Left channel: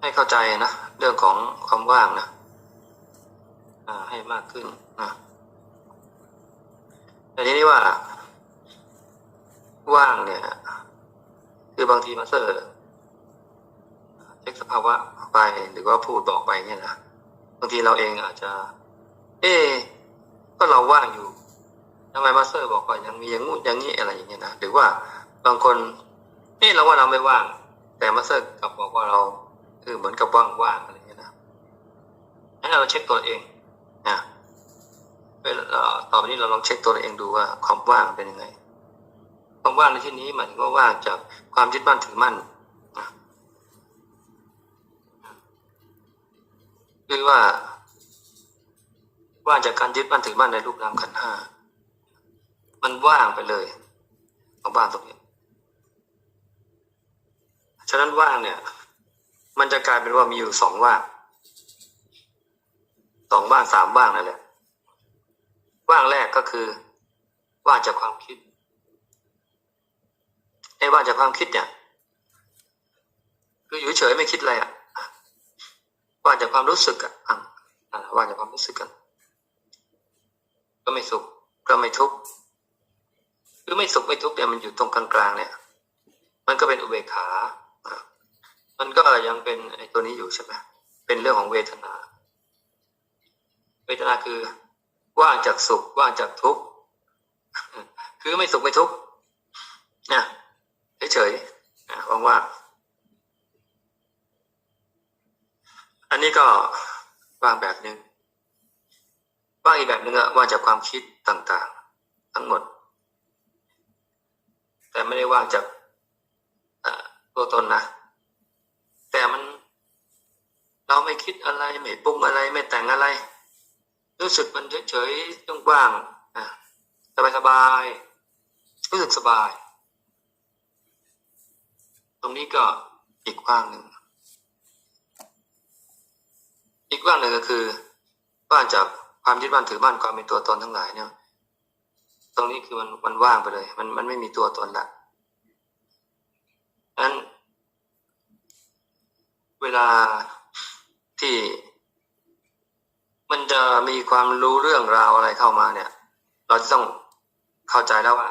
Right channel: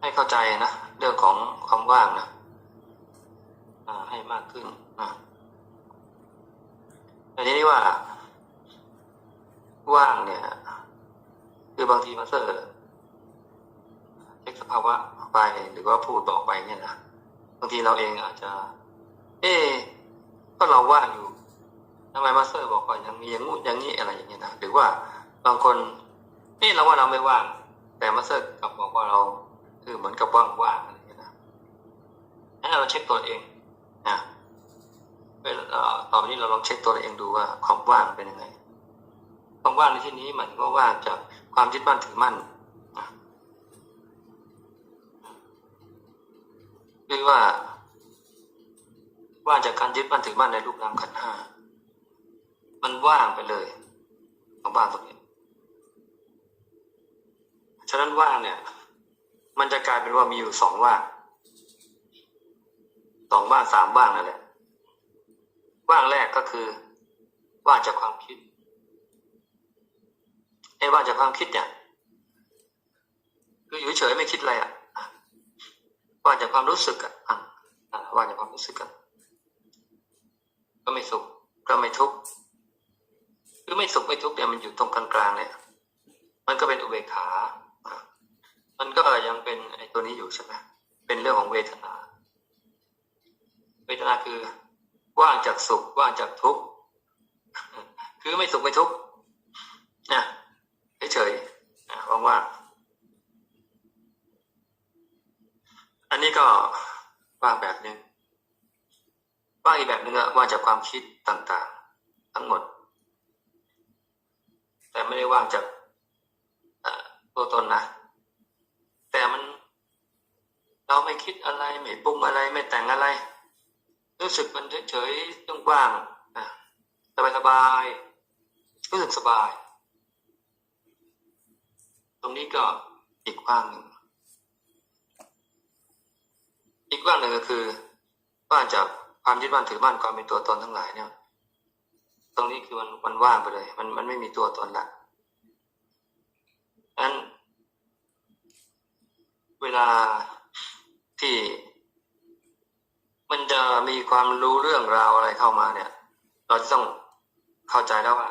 ให้เข้าใจนะ เรื่องของความว่างนะให้มากขึ้นนะแต่ทีนี้ว่า ว่างเนี่ย คือบางทีมาเตอร์เช็คสภาวะไปหรือว่าพูดบอกไปเนี่ยนะบางทีเราเองอาจจะ เอ๊ก็เราว่างอยู่ทำไมมาเตอร์บอกว่ายังมีอย่างงู้นอย่างนี้อะไรอย่างเงี้ยนะหรือว่าบางคนเอ๊เราว่าเราไม่ว่าง แต่มาเตอร์กลับบอกว่าเรา คือเหมือนกับว่างๆอะไรอย่างเงี้ยนะให้เราเช็คตัวเองนะเวลาเอ่อต่อไปนี้เราลองเช็คตัวเองดูว่าความว่างเป็นยังไง ความว่างในที่นี้หมายถึงว่าว่างจากความยึดมั่นถือมั่นหรือว่าว่างจากการยึดมั่นถือมั่นในรูปนามขันห้ามันว่างไปเลยของว่างตรงนี้ ฉะนั้นว่างเนี่ย มันจะกลายเป็นว่ามีอยู่สองว่างสองว่างสามว่างนั่นแหละว่างแรกก็คือว่างจากความคิดไอ้ว่างจากความคิดเนี่ย คืออยู่เฉยไม่คิดอะไรอะว่างจากความรู้สึกอะอะว่างจากความรู้สึกกันก็ไม่สุขก็ไม่ทุกข์คือไม่สุขไม่ทุกข์เนี่ยมันอยู่ตรงกลางๆเนี่ย มันก็เป็นอุเบกขา มันก็ยังเป็นไอ้ตัวนี้อยู่ใช่ไหมเป็นเรื่องของเวทนา เวทนาคือ ว่างจากสุข ว่างจากทุกข์คือไม่สุขไม่ทุกข์นะเฉยๆนะว่างๆอันนี้ก็ว่างแบบหนึ่งว่างอีกแบบหนึ่งอะว่างจากความคิดต่าง ๆ ทั้งหมด แต่ไม่ได้ว่างจากตัวตนนะ แต่มัน เราไม่คิดอะไร ไม่ปรุงอะไร ไม่แต่งอะไร รู้สึกมันเฉยๆต้องว่างอะสบายๆรู้สึกสบาย ตรงนี้ก็อีกว่างหนึ่งอีกว่างหนึ่งก็คือว่างจากความยึดมั่นถือมั่นความเป็นตัวตนทั้งหลายเนี่ย ตรงนี้คือมันมันว่างไปเลย มันมันไม่มีตัวตนละนั้น เวลาที่มันจะมีความรู้เรื่องราวอะไรเข้ามาเนี่ย เราจะต้องเข้าใจแล้วว่า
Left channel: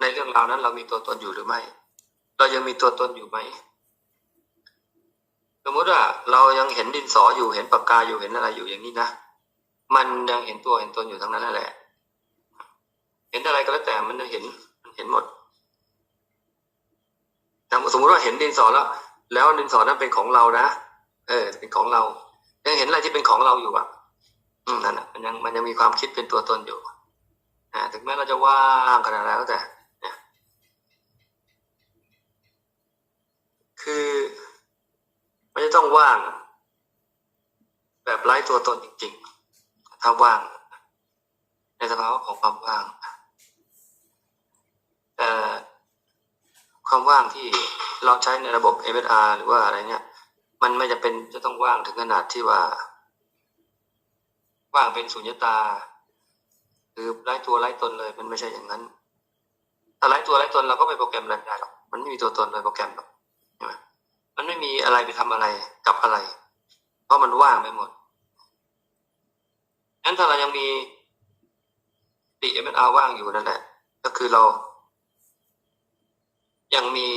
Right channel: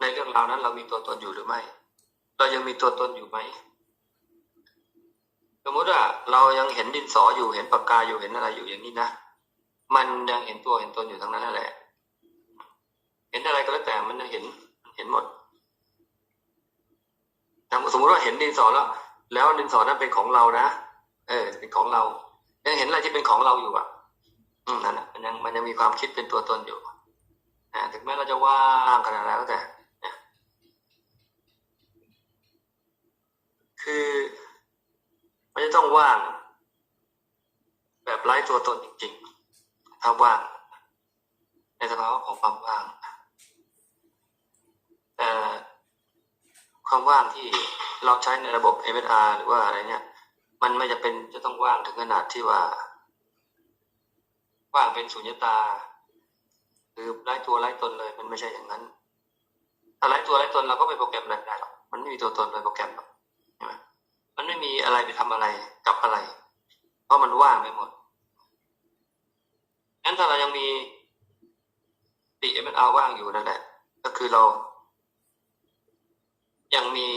ในเรื่องราวนั้น เรามีตัวตนอยู่หรือไม่ เรายังมีตัวตนอยู่ไหมสมมติว่าเรายังเห็นดินสออยู่เห็นปากกาอยู่เห็นอะไรอยู่อย่างนี้นะมันยังเห็นตัวเห็นตนอยู่ทั้งนั้นนั่นแหละ เห็นอะไรก็แล้วแต่มันเห็นมันเห็นหมดสมมติว่าเห็นดินสอแล้ว แล้วดินสอนั้นเป็นของเรานะเออ เป็นของเรายังเห็นอะไรที่เป็นของเราอยู่อะ อืมนั่นแหะมันยังมันยังมีความคิดเป็นตัวตนอยู่อ่าถึงแม้เราจะว่างขนาดไหนก็แต่คือมันจะต้องว่าง แบบไร้ตัวตนจริง ๆ ถ้าว่าง ในสภาวะของความว่างแต่ ความว่างที่เราใช้ในระบบ MSR หรือว่าอะไรเนี่ย มันไม่จะเป็นจะต้องว่างถึงขนาดที่ว่า ว่างเป็นสุญญตาคือไร้ตัวไร้ตนเลย มันไม่ใช่อย่างนั้น ถ้าไร้ตัวไร้ตนเราก็ไปโปรแกรมอะไรไม่ได้หรอกมันไม่มีตัวตนเลยโปรแกรมหรอกมันไม่มีอะไรไปทำอะไรกับอะไร เพราะมันว่างไปหมดงั้นถ้าเรายังมีติเอ็มเอ็มอาร์ว่างอยู่นั่นแหละ ก็คือเรา ยังมี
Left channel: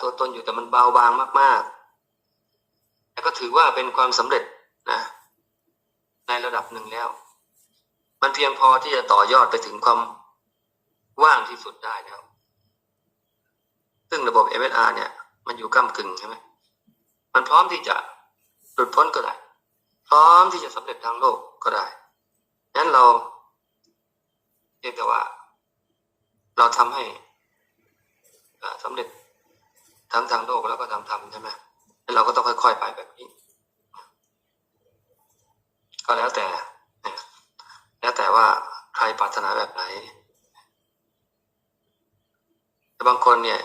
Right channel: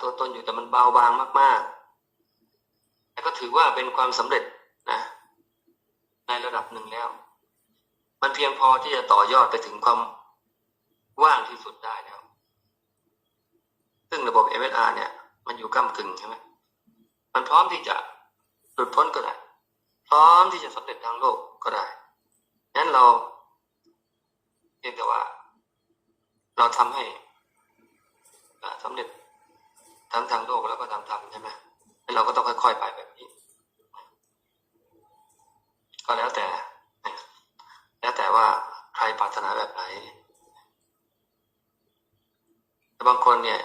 ตัวตนอยู่แต่มันเบาบางมากๆแต่ก็ถือว่าเป็นความสำเร็จนะในระดับหนึ่งแล้ว มันเพียงพอที่จะต่อยอดไปถึงความว่างที่สุดได้แล้ว ซึ่งระบบ MSR เนี่ย มันอยู่ก้ากึ่งใช่ไหมมันพร้อมที่จะหลุดพ้นก็ได้ พร้อมที่จะสำเร็จทางโลกก็ได้นั้นเราเรียกแต่ว่า เราทำให้ อ่าสำเร็จทั้งทางโลกแล้วก็ทางธรรมใช่ไหมเราก็ต้องค่อย ๆ ไปแบบนี้ ก็แล้วแต่ แล้วแต่ว่าใครปรารถนาแบบไหนแต่บางคนเนี่ย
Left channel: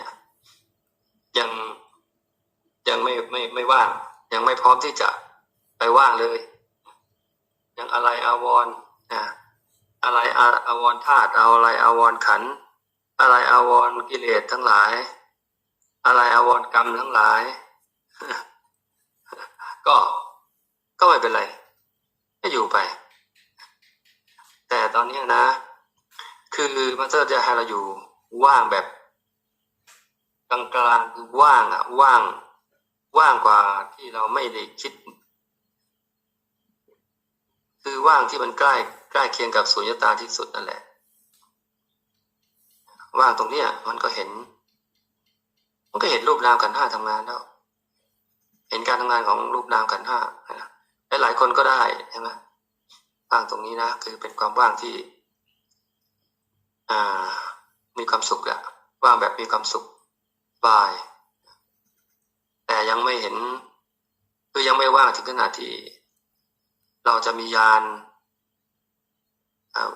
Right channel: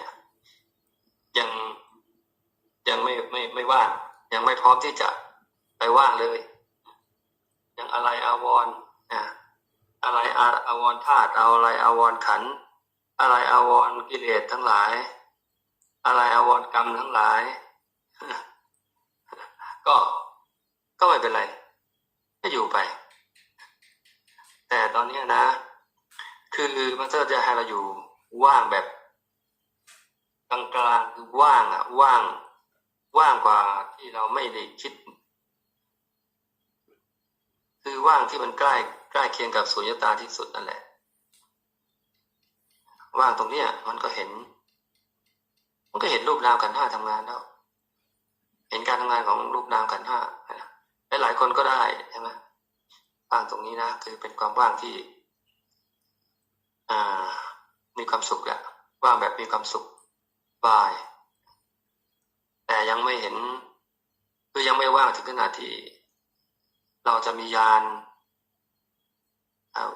ยังยังไม่ไม่ไม่ว่าง ยังไม่พร้อมที่จะไปว่างเลย ยังอะไรอาวรนะอะไรอาอาวรธาตุเอาอะไรอาวรขันธ อะไรอาวรกิเลสทั้งหลาย อะไรอาวรกรรมทั้งหลาย ก็ก็ไม่เป็นไรก็อยู่ไป แต่ตอนนี้นะ คือมันเตอร์จะให้เราอยู่ว่างแบบกลางๆคือว่างอะว่าง ว่างกว่าที่เราไม่ได้คิด คือว่างที่มันใกล้ใกล้เคียงกับสุญญตาที่สุดนั่นแหละ ว่างตรงเนี้ยมันก็เห็น มันก็เห็นรูปนามขันห้าทำงานแล้ว เห็นการทำงานของรูปนามขันห้านะหลายคนก็ได้ใช่ไหมว่างตรงนี้นะคือเป็นความว่างที่ อ่า มีความสุขอะว่างแบบมีความสุขบาย แต่ยังไม่เห็น คือยังไม่ว่างถึงขนาดที่ เราจะมียานเอา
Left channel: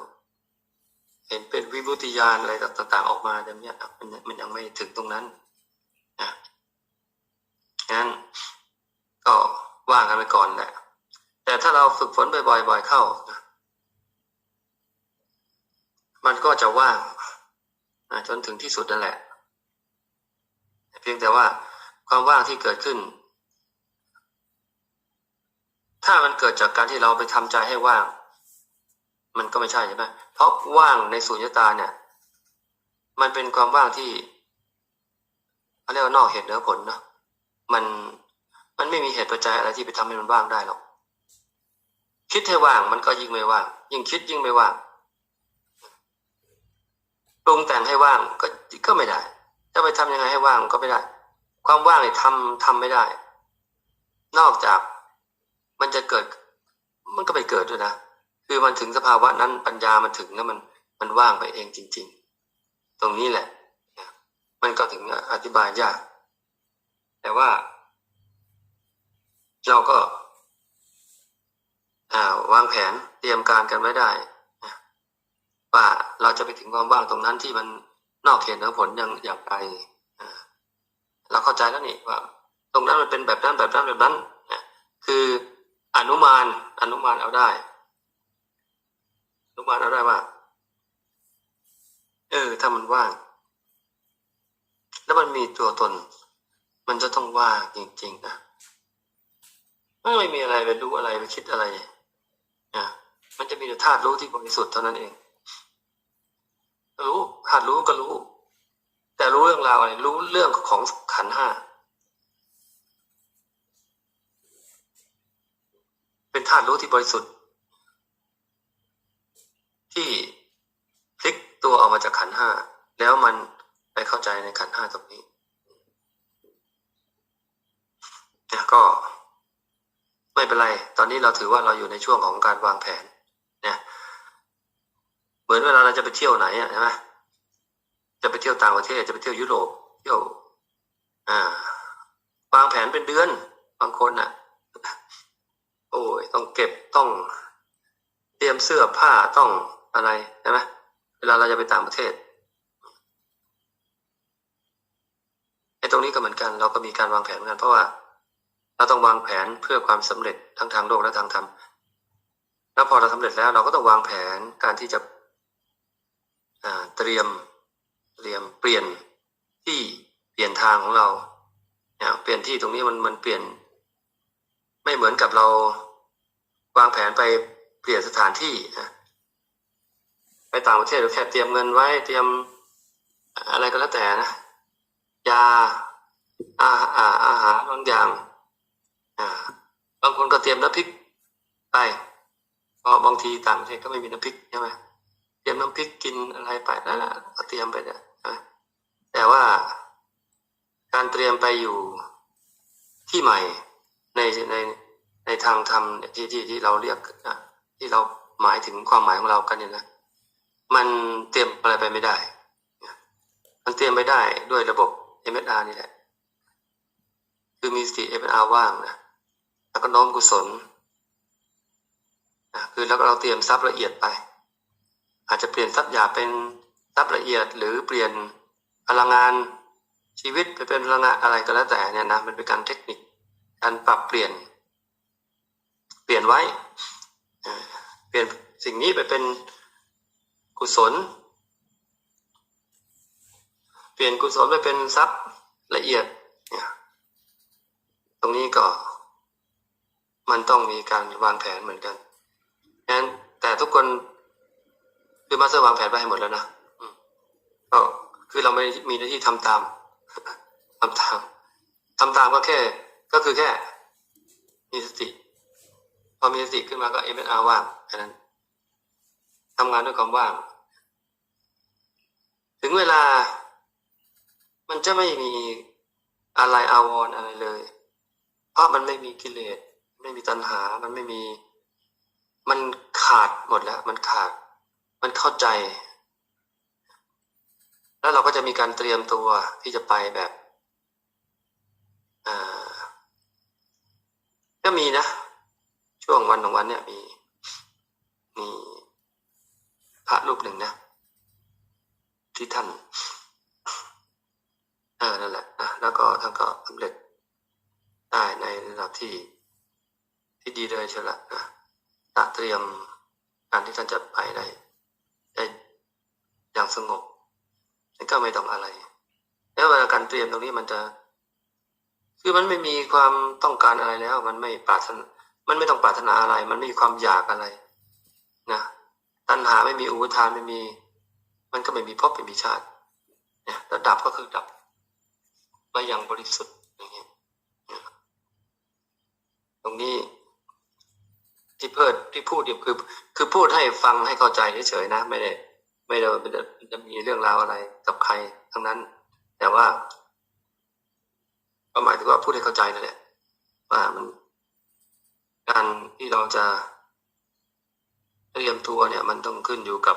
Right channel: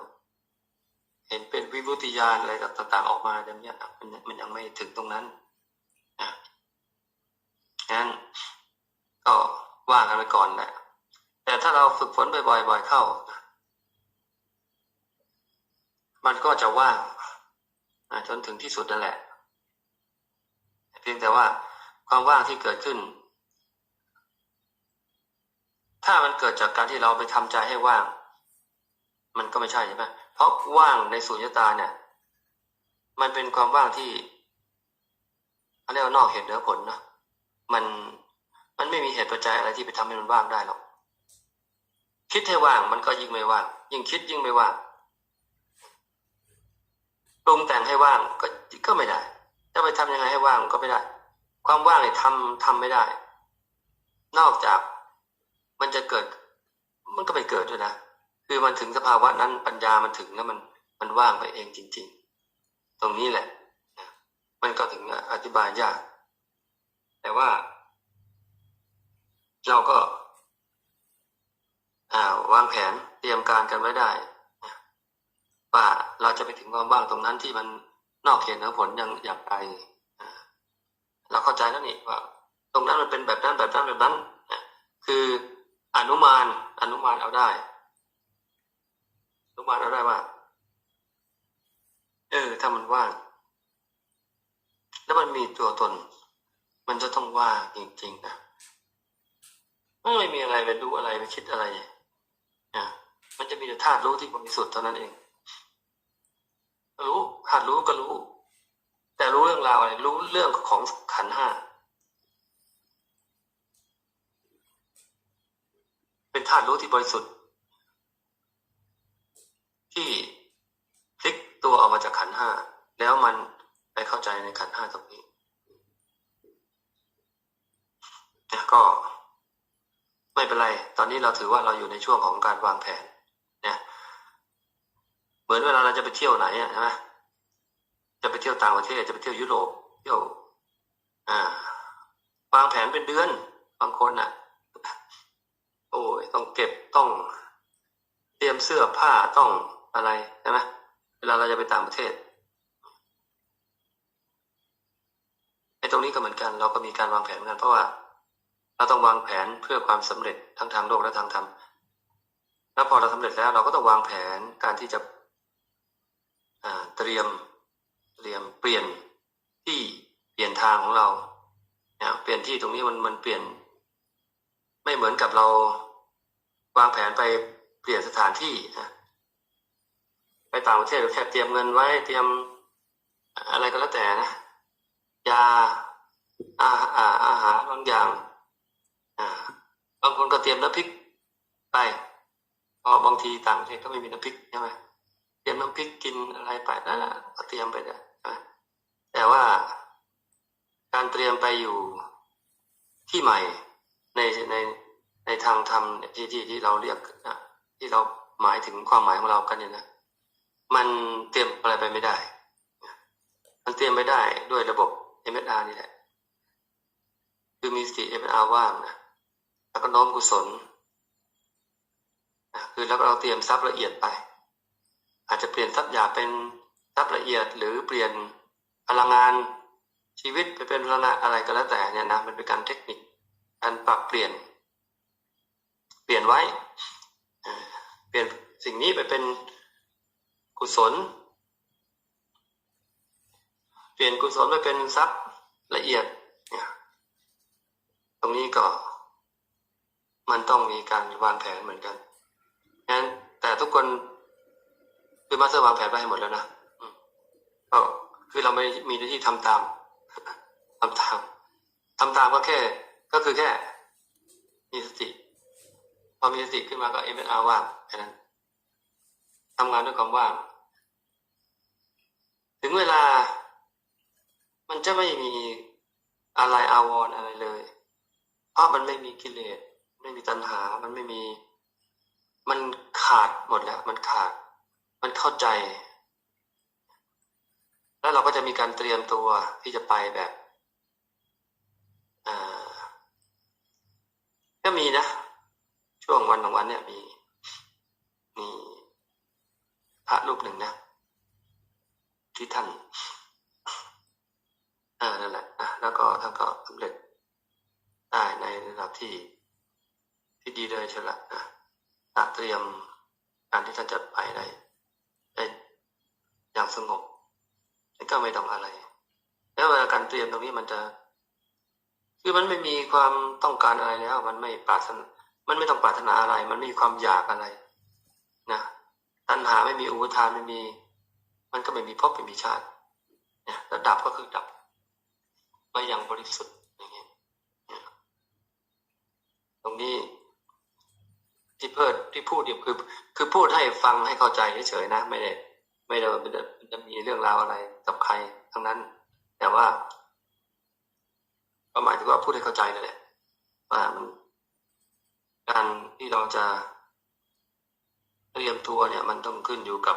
เห็นเป็นวิมุติยานอะไรต่างๆออกมาอย่างเนี้ยมันมันยังไม่ถึงตรงนั้นนะงั้นก็ว่างกันไปก่อนแหละแต่ถ้าเราฝึกฝนบ่อยๆบ่อยเข้า มันก็จะว่างจนถึงที่สุดนั่นแหละ เพียงแต่ว่าความว่างที่เกิดขึ้น ถ้ามันเกิดจากการที่เราไปทำใจให้ว่าง มันก็ไม่ใช่ใช่ไหมเพราะว่างในสุญญตาเนี่ย มันเป็นความว่างที่เขาเรียกว่านอกเหตุเหนือผลนะมันมันไม่มีเหตุปัจจัยอะไรที่ไปทำให้มันว่างได้หรอกคิดให้ว่างมันก็ยิ่งไม่ว่างยิ่งคิดยิ่งไม่ว่างปรุงแต่งให้ว่างก็ก็ไม่ได้จะไปทำยังไงให้ว่างก็ไม่ได้ ความว่างเนี่ยทำทำไม่ได้ นอกจากมันจะเกิด มันก็ไปเกิดด้วยนะ คือมันถึงสภาวะนั้นปัญญามันถึงแล้วมันมันว่างไปเองจริง ๆ ตรงนี้แหละมันก็ถึงอธิบายยาก แต่ว่า เราก็าวางแผนเตรียมการกันไว้ได้ว่าเราจะไปถึงความว่างตรงนั้นที่มันนอกเขตเหนือผลอย่างอย่างไรเราเข้าใจแล้วนี่ว่า ตรงนั้นมันเป็นแบบนั้นแบบนั้นแบบนั้นคืออนุมานอนุมานเอาได้ อนุมานเอาได้ว่า เออ ถ้ามันว่าง แล้วมันมีตัวตน มันจะต้องว่างจริงๆนะไม่มีอะไรไปรู้อะไรไปคิดอะไรนะมันจะมีแต่ธาตุรู้ที่บริสุทธิ์เท่านั้นเอง รู้หัดรู้ก็รู้ แต่รู้เรื่องราวอะไร รู้เรื่องของขันห้า เป็นธาตุรู้ที่บริสุทธิ์ ที่พลิกตัวออกมาจากขันห้าแล้วมันไปเข้าใจในขันห้าตรงนี้เนี่ยก็ ไม่เป็นไร ตอนนี้เราถือว่าเราอยู่ในช่วงของการวางแผนเนี่ยเหมือนเวลาเราจะไปเที่ยวไหนอะใช่ไหมจะไปเที่ยวต่างประเทศจะไปเที่ยวยุโรปเที่ยว อ่าวางแผนเป็นเดือนบางคนอะ โอ้ยต้องเก็บต้อง เตรียมเสื้อผ้าต้อง อะไรใช่ไหมเวลาเราจะไปต่างประเทศไอ้ตรงนี้ก็เหมือนกัน เราก็มีการวางแผนเหมือนกัน เพราะว่า เราต้องวางแผนเพื่อความสำเร็จทั้งทางโลกและทางธรรมแล้วพอเราสำเร็จแล้ว เราก็ต้องวางแผนการที่จะเตรียมเตรียมเปลี่ยนที่เปลี่ยนทางของเราเนี่ยเปลี่ยนที่ตรงนี้มันมันเปลี่ยน ไม่เหมือนกับเราวางแผนไปเปลี่ยนสถานที่ไป ต่างประเทศเราแค่เตรียมเงินไว้เตรียมอะไรก็แล้วแต่นะยาอาอาอาหารบางอย่างบางคนก็เตรียมน้ำพริกไปเพราะบางทีต่างประเทศก็ไม่มีน้ำพริกใช่ไหมเตรียมน้ำพริกกินอะไรไปนั่นแหละก็เตรียมไปนะแต่ว่าการเตรียมไปอยู่ที่ใหม่ในในในทางธรรมที่ที่ที่เราเรียกที่เราหมายถึงความหมายของเรากันเนี่ยนะ มันเตรียมอะไรไปไม่ได้ มันเตรียมไม่ได้ด้วยระบบ MSR นี่แหละ คือมีสติ MSR ว่างนะ แล้วก็น้อมกุศลคือแล้วก็เราเตรียมทรัพย์ละเอียดไป อาจจะเปลี่ยนทรัพย์หยาเป็นทรัพย์ละเอียด หรือเปลี่ยนพลังงานชีวิตไปเป็นพลังงานอะไรก็แล้วแต่เนี่ยนะมันเป็นการเทคนิค การปรับเปลี่ยน เปลี่ยนไว้ เปลี่ยนสิ่งนี้ไปเป็น กุศล เปลี่ยนกุศลไปเป็นทรัพย์ละเอียดเนี่ยตรงนี้ก็ มันต้องมีการวางแผนเหมือนกันงั้นแต่ทุกคนคือมาสเตอร์วางแผนไปให้หมดแล้วนะก็คือเราไม่มีหน้าที่ทำตามทำตามทำตามก็แค่ ก็คือแค่ มีสติ พอมีสติขึ้นมาก็เอ็มเออาร์ว่างแค่นั้น ทำงานด้วยความว่าง ถึงเวลา มันจะไม่มีอะไรอาวรณ์อะไรเลย เพราะมันไม่มีกิเลส ไม่มีตัณหา มันไม่มี มันขาดหมดแล้ว มันขาด มันเข้าใจ แล้วเราก็จะมีการเตรียมตัวที่จะไปแบบอ่าก็มีนะ ช่วงวันของวันเนี่ยมี พระรูปหนึ่งนะ ที่ท่านเออนั่นแหละนะแล้วก็ท่านก็สำเร็จได้ในระดับที่ ที่ดีเลยเชียวละนะตัดเตรียมการที่ท่านจะไปได้ได้อย่างสงบนั่นก็ไม่ต้องอะไร แล้วเวลาการเตรียมตรงนี้มันจะคือมันไม่มีความต้องการอะไรแล้ว มันไม่ปรารถนา มันไม่ต้องปรารถนาอะไร มันไม่มีความอยากอะไร ตัณหาไม่มีอุปทานไม่มี มันก็ไม่มีภพไม่มีชาติเนี่ยแล้วดับก็คือดับไปอย่างบริสุทธิ์อย่างเงี้ยตรงนี้ที่เพิดที่พูดเนี่ยคือ คือพูดให้ฟังให้เข้าใจเฉยๆนะ ไม่ได้ ไม่ได้มันจะจะมีเรื่องราวอะไรกับใครทั้งนั้น แต่ว่าก็หมายถึงว่าพูดให้เข้าใจนั่นแหละว่ามันการที่เราจะ เตรียมตัวเนี่ยมันต้องขึ้นอยู่กับ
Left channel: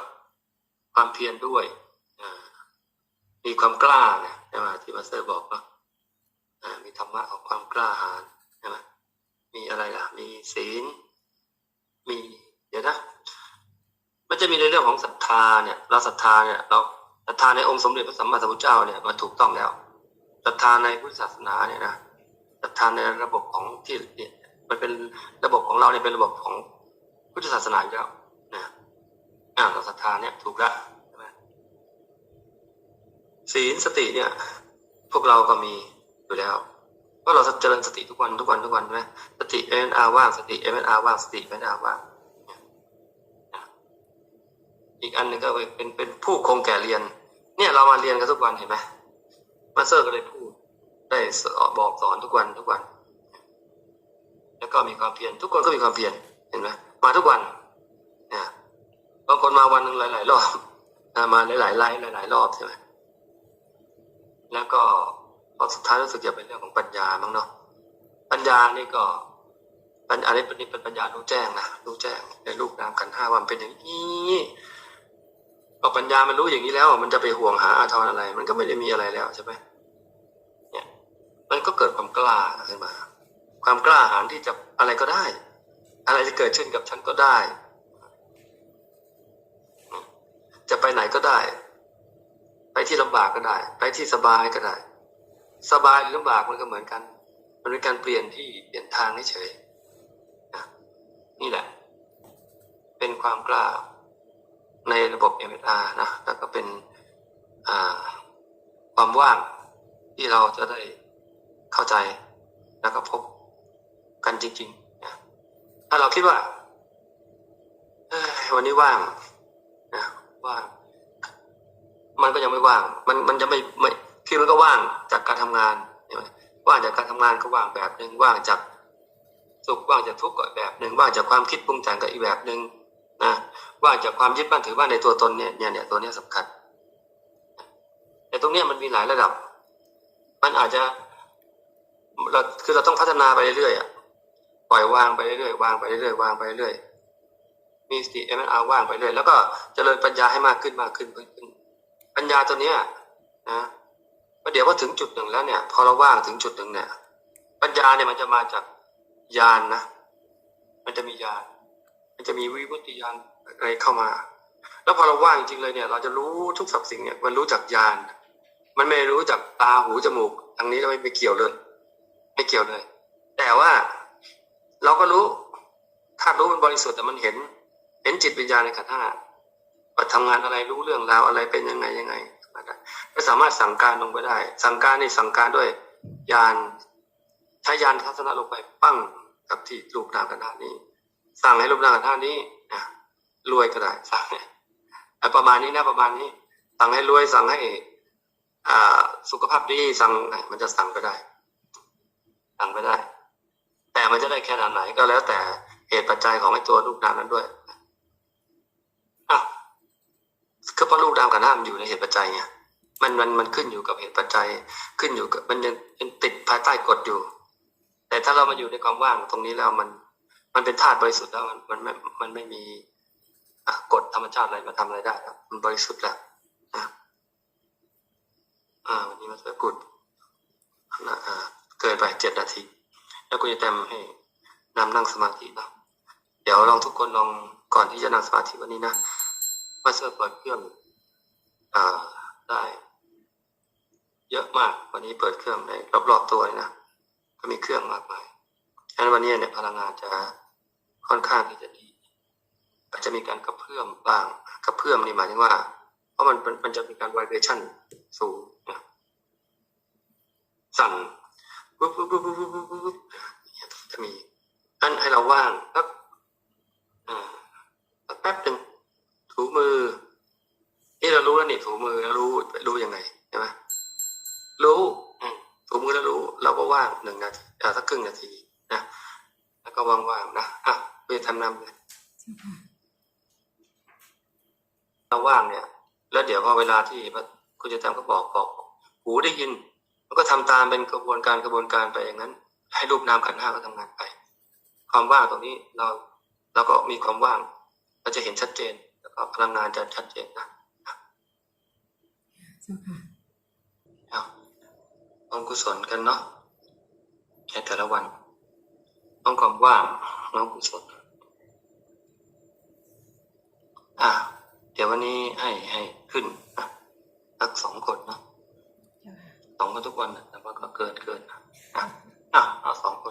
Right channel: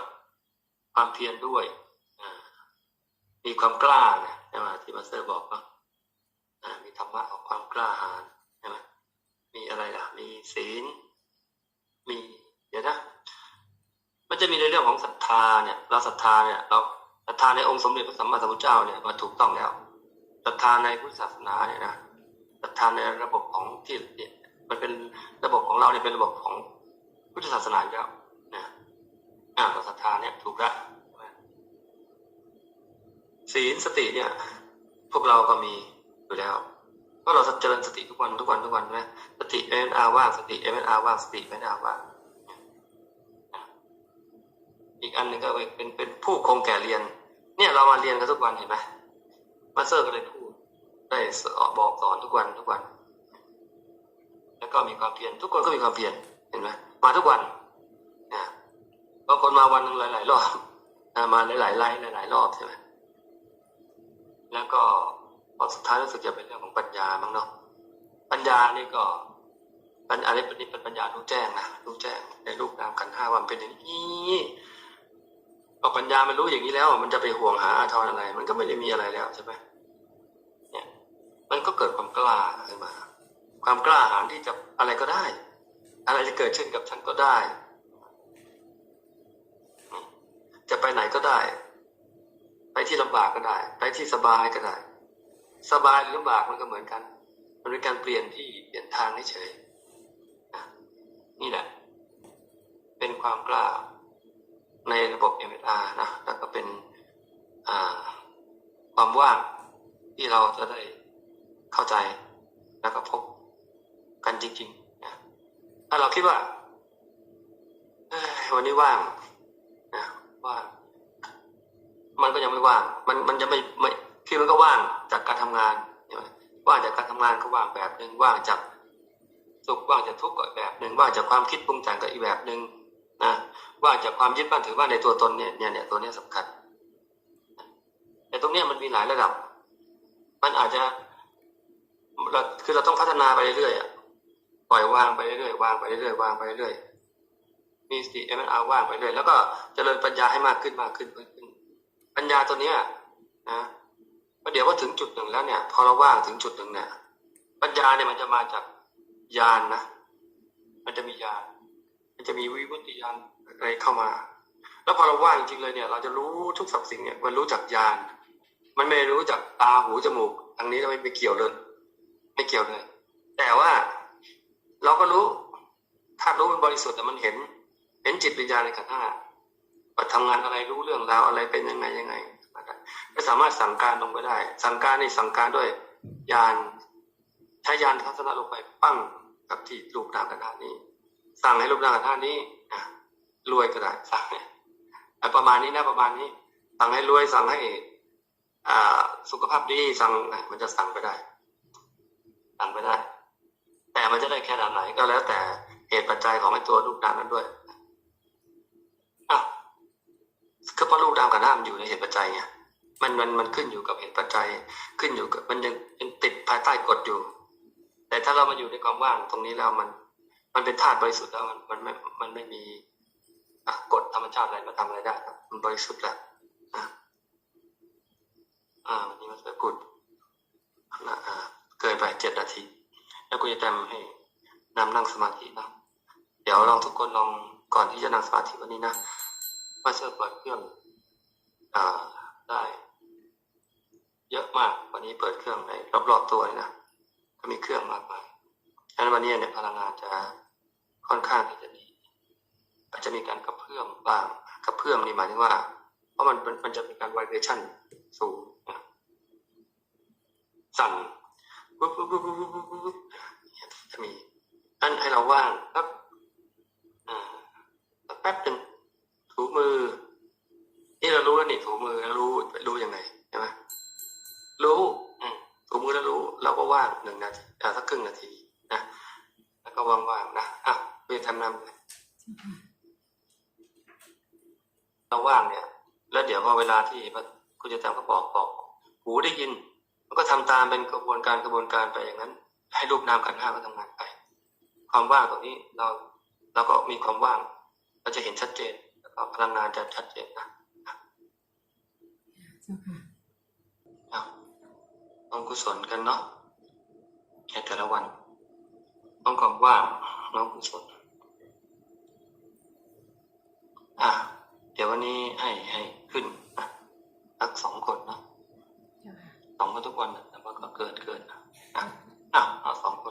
ความเพียรด้วยมีความกล้านะใช่ไหมที่มาสเตอร์บอกว่ามีธรรมะของความกล้าหาญใช่ไหมมีอะไรล่ะ มีศีล มีเดี๋ยวนะ มันจะมีในเรื่องของศรัทธาเนี่ย เราศรัทธาเนี่ยเราศรัทธาในองค์สมเด็จพระสัมมาสัมพุทธเจ้าเนี่ยมันถูกต้องแล้วศรัทธาในพุทธศาสนาเนี่ยนะศรัทธาในระบบของที่เนี่ยมันเป็นระบบของเราเนี่ยเป็นระบบของพุทธศาสนาอยู่แล้วนะ อ่าเราศรัทธาเนี่ยถูกล้วใช่ไหมศีลสติเนี่ย พวกเราก็มีอยู่แล้วก็เราเจริญสติทุกวันทุกวันทุกวันใช่ไหมสติเอ็นอาว่างสติเอ็นอาว่างสติเอ็นอาว่างอีกอันหนึงก็เป็นเป็นผู้คงแก่เรียน เนี่ยเรามาเรียนกันทุกวันเห็นไหมมาเตอร์ก็เลยพูดได้บอกสอนทุกวันทุกวัน แล้วก็มีความเพียรทุกคนก็มีความเพียรเห็นไหมมาทุกวัน บางคนมาวันหนึ่งหลาย ๆ รอบมาหลายๆไลฟ์หลาย ๆ รอบใช่ไหมแล้วก็พอสุดท้ายรู้สึกจะเป็นเรื่องของปัญญามั้งเนาะปัญญานี่ก็ปัญญานี่เป็นนี่เป็นปัญญารู้แจ้งนะรู้แจ้งในรูปนามขันห้าวันเป็นอย่างนี้พอปัญญามันรู้อย่างนี้แล้ว มันจะไปห่วงหาอาทรอะไร มันก็ไม่ได้มีอะไรแล้วใช่ไหมเนี่ย มันก็เกิดความกล้าขึ้นมา ความกล้าหาญที่จะอะไรก็ได้ อะไรจะเกิดขึ้นกับฉันก็ได้ จะไปไหนก็ได้ ไปที่ลำบากก็ได้ ไปที่สบายก็ได้ สบายหรือลำบากมันก็เหมือนกัน มันเป็นการเปลี่ยนที่เปลี่ยนทางเฉยนี่แหละ เป็นความกล้าในระบบ MSR นะแล้วก็เป็นความว่างที่เราจะได้เข้าใจแล้วก็พบกันจริงๆนะถ้าเราคิดว่าวันนี้ว่าง ว่าง มันก็ยังไม่ว่าง มันมันจะไม่ไม่คือมันก็ว่างจากการทำงานใช่ไหมว่างจากการทำงานก็ว่างแบบหนึ่งว่างจากสุขว่างจากทุกข์ก็อีกแบบหนึ่งว่างจากความคิดปรุงแต่งก็อีกแบบหนึ่งนะว่างจากความยึดมั่นถือมั่นในตัวตนเนี่ยเนี่ยเนี่ยตัวเนี้ยสำคัญ แต่ตรงเนี้ยมันมีหลายระดับ มันอาจจะเราคือเราต้องพัฒนาไปเรื่อยๆปล่อยวางไปเรื่อยๆวางไปเรื่อยๆวางไปเรื่อยๆ มีสติเอ็มอาว่างไปเรื่อยแล้วก็เจริญปัญญาให้มากขึ้นมากขึ้นมากขึ้น ปัญญาตัวเนี้ยนะประเดี๋ยวพอถึงจุดหนึ่งแล้วเนี่ยพอเราว่างถึงจุดหนึ่งเนี่ย ปัญญาเนี่ยมันจะมาจากญาณนนะมันจะมีญาณมันจะมีวิวัติญาณอะไรเข้ามา แล้วพอเราว่างจริงเลยเนี่ย เราจะรู้ทุกสับสิ่งเนี่ยมันรู้จากญาณมันไม่รู้จากตาหูจมูกทางนี้เราไม่ไปเกี่ยวเลยไม่เกี่ยวเลย แต่ว่าเราก็รู้ถ้ารู้มันบริสุทธิ์แต่มันเห็น เห็นจิตวิญญาณในขันธ์ห้าว่าทำงานอะไรรู้เรื่องราวอะไรเป็นยังไงยังไงก็สามารถสั่งการลงไปได้ สั่งการในสั่งการด้วยยานใช้ยานทัศนะลงไปปั้งกับที่รูปนามกันธานี้ สั่งให้รูปนามกันธานี้นะรวยก็ได้สั่งเนี่ยอะประมาณนี้นะประมาณนี้ สั่งให้รวยสั่งให้อ่าสุขภาพดีสั่งมันจะสั่งไปได้ สั่งไปได้ แต่มันจะได้แค่ไหนก็แล้วแต่เหตุปัจจัยของไอ้ตัวรูปนามนั้นด้วย อะก็เพราะรูปนามกับนามอยู่ในเหตุปัจจัยไงมันมันมันขึ้นอยู่กับเหตุปัจจัย ขึ้นอยู่กับมันยังติดภายใต้กฎอยู่ แต่ถ้าเรามาอยู่ในความว่างตรงนี้แล้วมัน มันเป็นธาตุบริสุทธิ์แล้วมันมันไม่มันไม่มีกฎธรรมชาติอะไรมาทำอะไรได้ครับมันบริสุทธิ์แล้วอะอ่าวันนี้มาสวยกุดนะอ่าเกินไปเจ็ดนาที แล้วคุณจะแต้มให้นำนั่งสมาธินะเดี๋ยวลองทุกคนลองก่อนที่จะนั่งสมาธิวันนี้นะ มาเสิร์เปิดเครื่องอ่าได้ เยอะมาก วันนี้เปิดเครื่องในรอบๆตัวเลยนะก็มีเครื่องมากมายฉะนั้นวันนี้เนี่ยพลังงานจะค่อนข้างที่จะดีอาจจะมีการกระเพื่อมบ้างกระเพื่อมนี่หมายถึงว่า เพราะมันมันมันจะมีการ vibration สูงนะสั่นปุ๊บปุ๊บปุ๊บปุ๊บปุ๊บปุ๊บปุ๊บเนี่ยจะมีอันให้เราว่างสักอ่าสักแป๊บหนึ่งถูมือ นี่เรารู้แล้วนี่ถู มือแล้วรู้รู้ยังไงใช่ไหมรู้ถูมือแล้วรู้เราก็ว่างหนึ่งนาทีอ่าสักครึ่งนาทีนะแล้วก็ว่างๆนะอะเพื่อทำนำเลยเราว่างเนี่ย แล้วเดี๋ยวพอเวลาที่คุณจะทำก็บอกบอก หูได้ยิน มันก็ทำตามเป็นกระบวนการกระบวนการไปอย่างนั้น ให้รูปนามขันห้าก็ทำงานไป ความว่างตรงนี้เราเราก็มีความว่าง เราจะเห็นชัดเจน แล้วก็พลังงานจะชัดเจนนะ จ้าค่ะเอาต้องกุศลกันเนาะในแต่ละวัน ต้องความว่างน้องกุศลอะ เดี๋ยววันนี้ให้ให้ขึ้นนะสักสองคนนะเจ้าค่ะสองคนทุกวันนะแต่ว่าก็เกินเกินนะอะอะเอาสองคน